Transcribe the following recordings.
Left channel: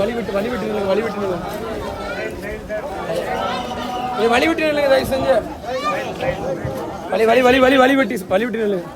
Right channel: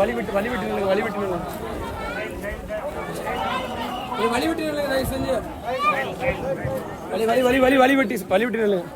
வழி விட்டு நில்லுங்க வழி விட்டு நில்லுங்க வழி விட்டு நில்லுங்க தயவு செஞ்சு வழி வழி வழி வழி வழி விட்டு நில்லுங்க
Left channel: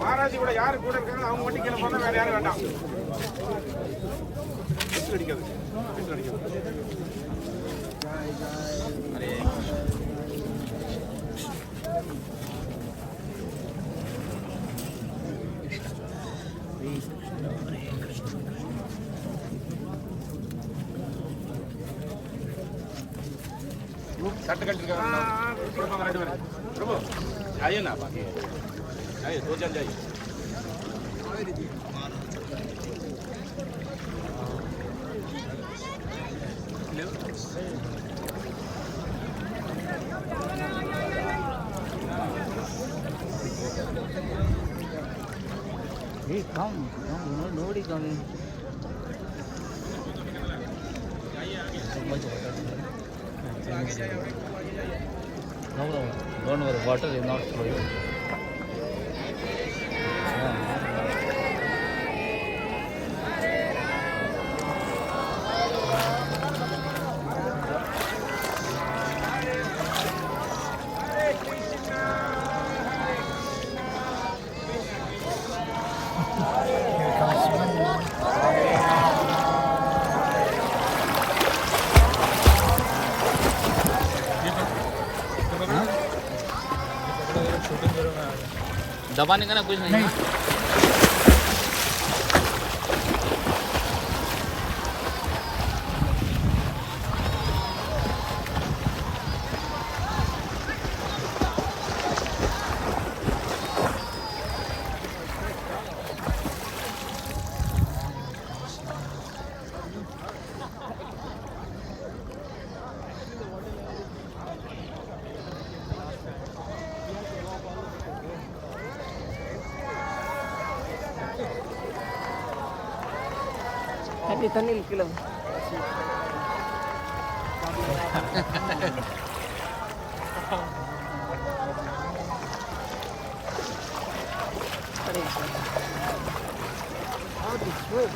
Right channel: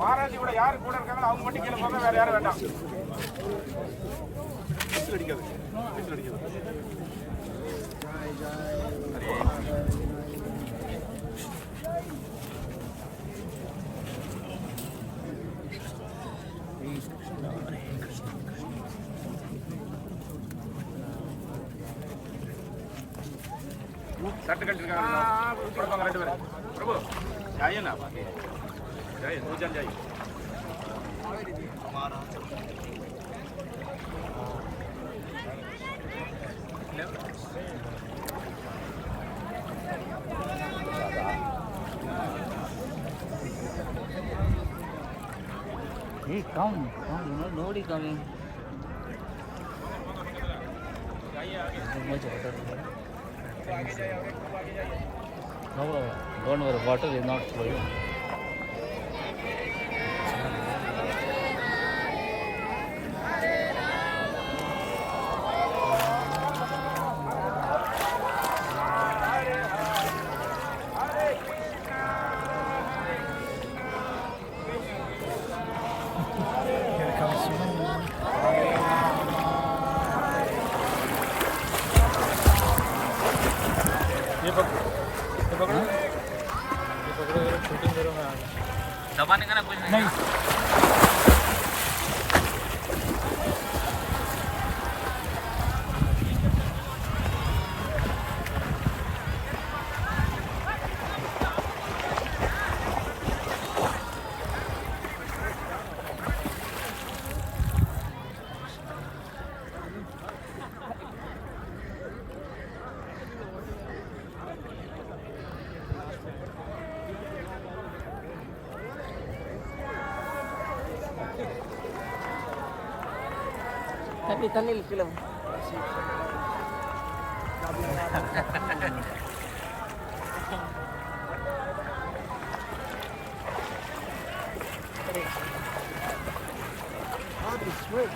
மாராஜி கூட யாரு கூட இருக்காங்களோ அவங்க மட்டும் கீழே போக வேற யாரும் வேண்டாம் அடிக்காது सट कट प्रभु जाइए ना बाकी जाइए 2 जन जाइए nobody coming. Don't worry, water is not flowing. Here comes swimming. दबाने का ना कुछ नहीं, Tani kilo. How to swim?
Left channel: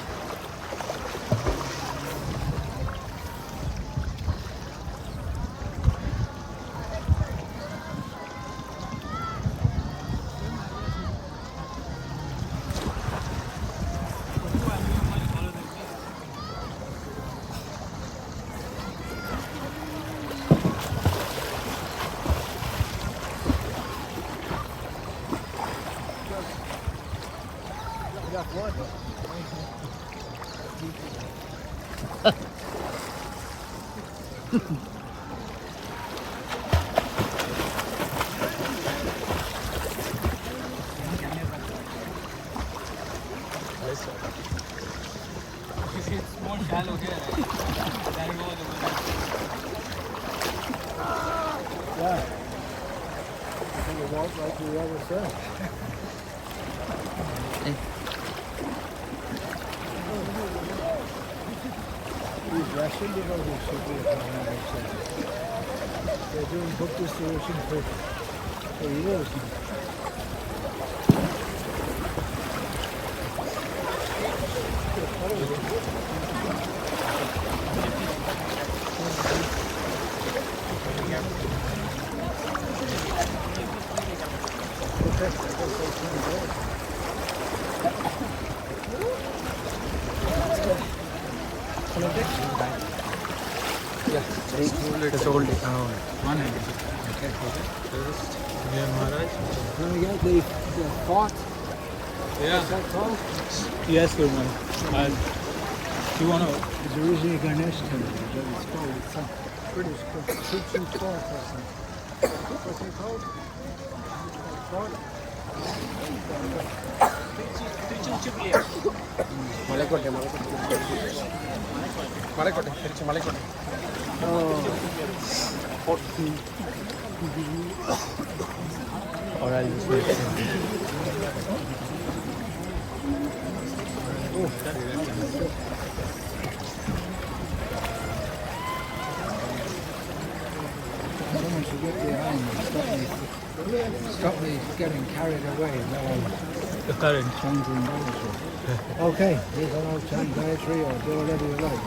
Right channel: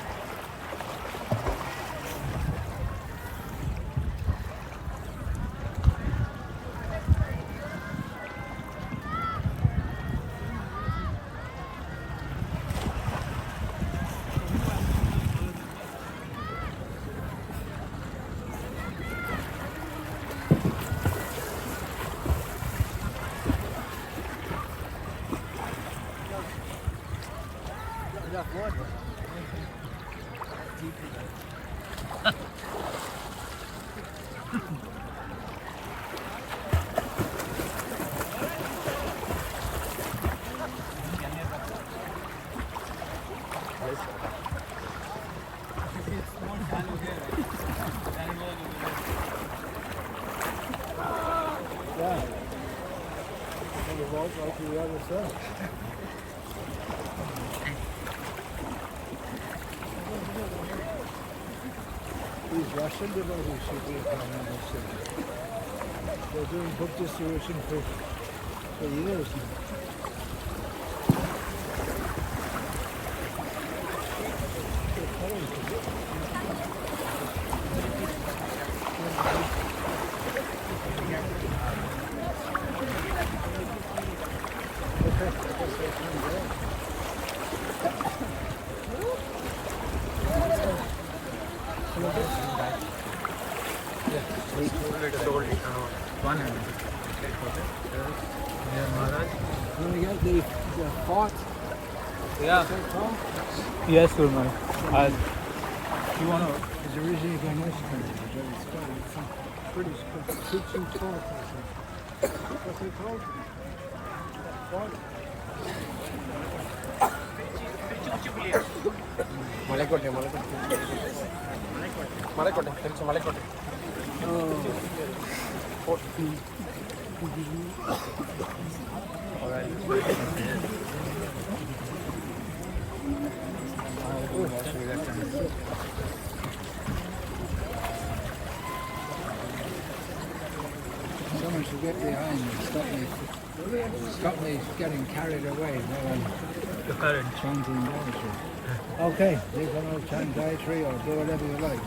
Yeah, it's only walk right to the other side. These Russian devotees should be upon this. They're doing book distribution for years. Okay, I guess they turned great. They fought. Yeah. Is that tall? Yes, woman. You want to? It's originally Ganesh temple, but it's called some pretty tall person. What's it called? Malakote. Oh. to get behind and stop me getting carried away while I'm The current. chanting Gayatri. Okay, here's an old chant Gayatri or do whatever you like.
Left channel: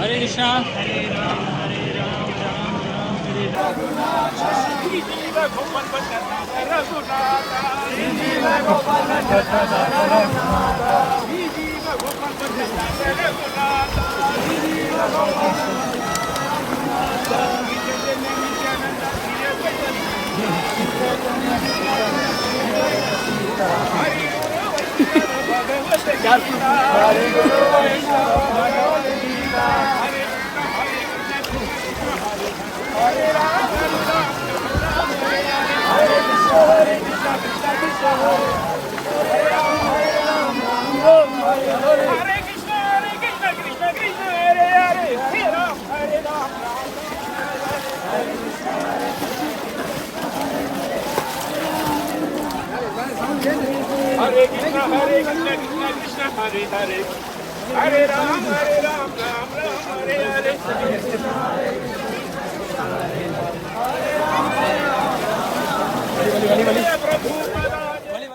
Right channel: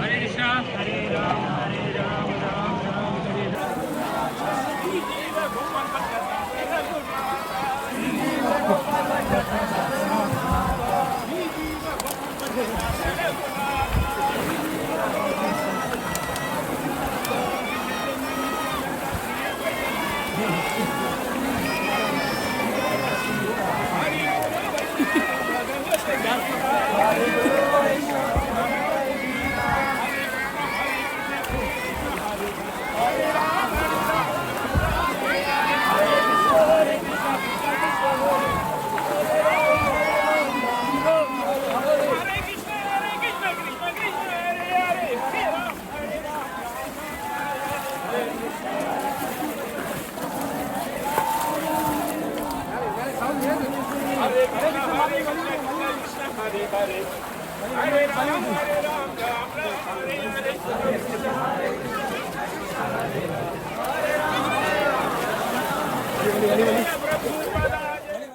Hare Krishna. Hare Ram, Ram Ram, Hare Hare.